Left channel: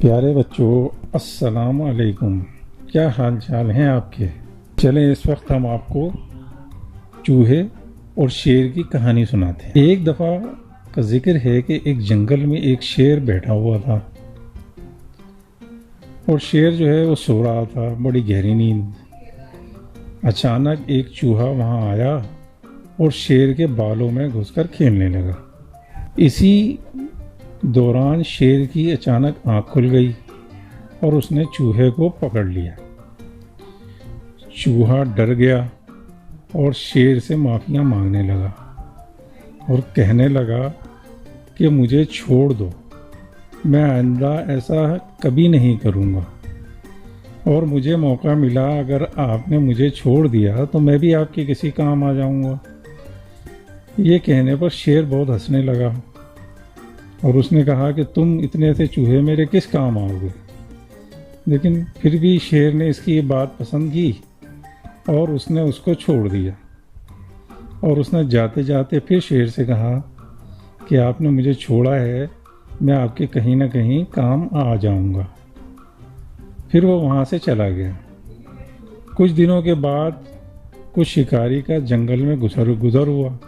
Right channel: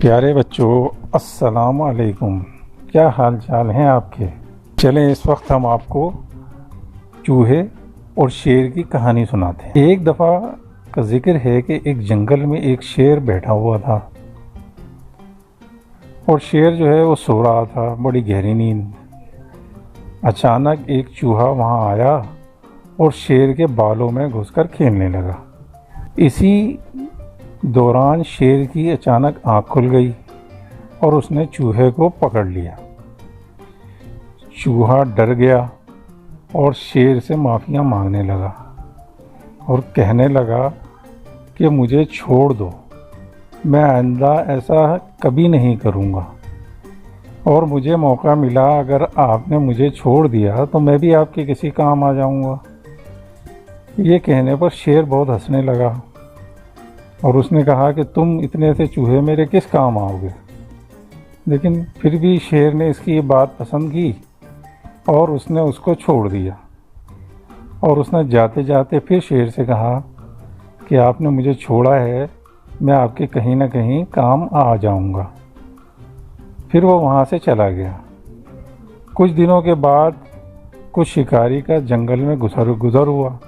प्यारे बच्चों, अस्सलाम वालेकुम। क्या हाल चाल हैं आपके। चलें इस वक्त हम आपको चूहे और शेर की कहानी सुनाते हैं। एक दफ़ा का जिक्र है कि एक जंगल में एक शेर बैठा हुआ था और शेर जो है वो सो रहा था, बड़ी गहरी नींद। अचानक एक चूहा वहाँ आया और शेर के बालों में घुसकर खेलने लगा। इसी दौरान शेर की अचानक आँख खुल गई और उसने चूहे को पकड़ लिया। चूहा डर गया और शेर से माफ़ियाँ मांगने लगा और कहने लगा कि मुझे छोड़ दो, मैं आइंदा ऐसा कभी नहीं करूँगा, और मुझे मौका मिला अगर आपने मुझे छोड़ दिया तो मैं भी आपके किसी काम आ जाऊँगा। ये कहने पर शेर बहुत हंसने लगा और उसने कहा कि तुम इतने से चूहे मेरे किस काम आओगे। लेकिन फिर भी शेर ने इसकी ये बात पसंद की और उसने उसको छोड़ दिया। और उसने जाते जाते फिर शेर से कहा कि आपने मुझे छोड़ा है, मैं आपके कहीं ना कहीं काम आ जाऊंगा। फिर वो वहाँ से चला गया। कुछ दिनों के बाद कुछ शिकारी का जंगल में गुजर हुआ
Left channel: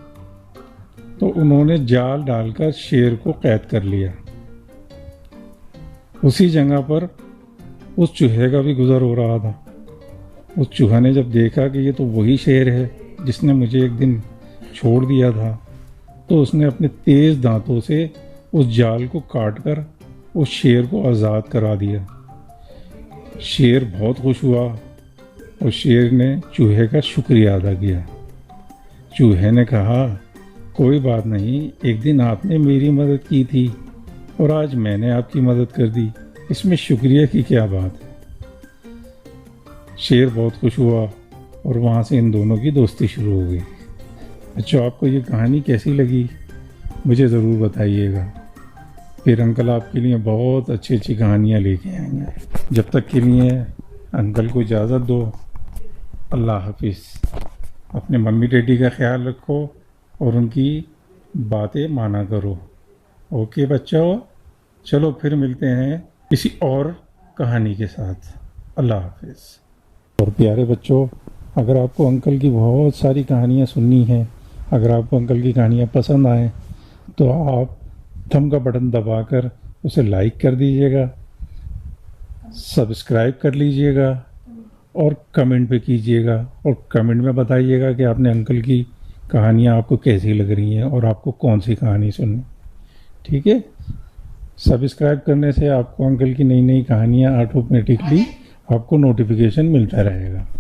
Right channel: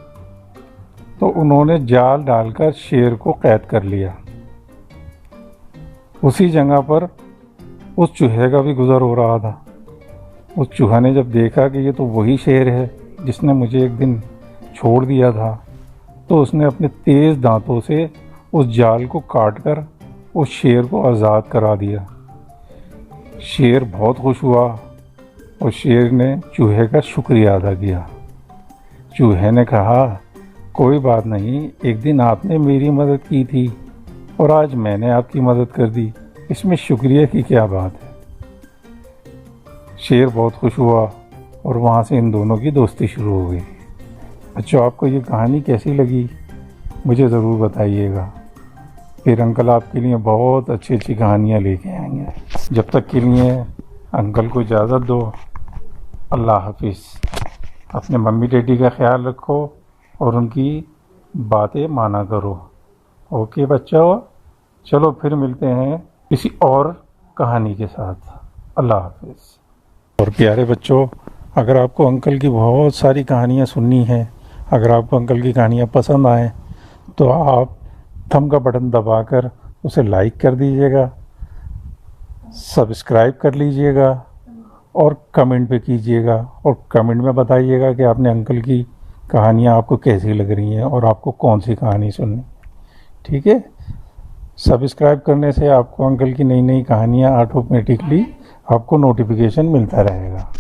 तो उन्होंने जाल डालकर शेर को कैद कर लिया। उसी जगह पर उस चूहे का भी गुजर हो रहा था। उस चूहा ने जब देखा कि ये तो वही शेर है जिसने मुझे एक दिन छोड़ दिया था, तो उसने अपने तेज़ दांतों से उस जाल को काटकर उस शेर को आज़ाद करा दिया। शेर बहुत खुश हुआ और शेर ने चूहे का शुक्रिया अदा किया। चूहे ने कहा, कोई बात नहीं, एक दिन आपने मेरी मदद की थी और आज मैंने आपकी मदद कर दी, इसमें शुक्रिया की क्या बात है। शेर बहुत खुश हुआ और वहाँ से इन दोनों की दोस्ती शुरू हो गई। बच्चों, आपको ये कहानी कैसी लगी मुझे ज़रूर बताइएगा। फिर अंकल आपके लिए बहुत अच्छी अच्छी कहानियाँ लेके आएंगे। जब तक के लिए अंकल को इजाज़त दो। अल्लाह हाफिज़। अपने मम्मी डैडी का ख्याल रखो और उनकी बातें माना करो। ओके बच्चों, चलो फिर मिलते हैं किसी और कहानी के साथ। अल्लाह हाफिज़। और प्यारे बच्चों, अगर आपको अंकल की बहुत सारी कहानियाँ सुननी हैं, अगर आपको अंकल की कहानियाँ पसंद आएँ तो आप थंब का बटन दबाकर उसे लाइक कर दीजिएगा, सब्सक्राइब कर लीजिएगा और कमेंट पे कीजिएगा और कमेंट में बताइएगा कि आपने अंकल की कहानियाँ आपको कैसी लग रही हैं और आपको कौन सी कहानी सुननी। ठीक है, सब्सक्राइब करने से आपको अंकल की नई नई कहानियाँ ऑटोमेटिकली आपको नोटिफिकेशन मिलता रहेगा।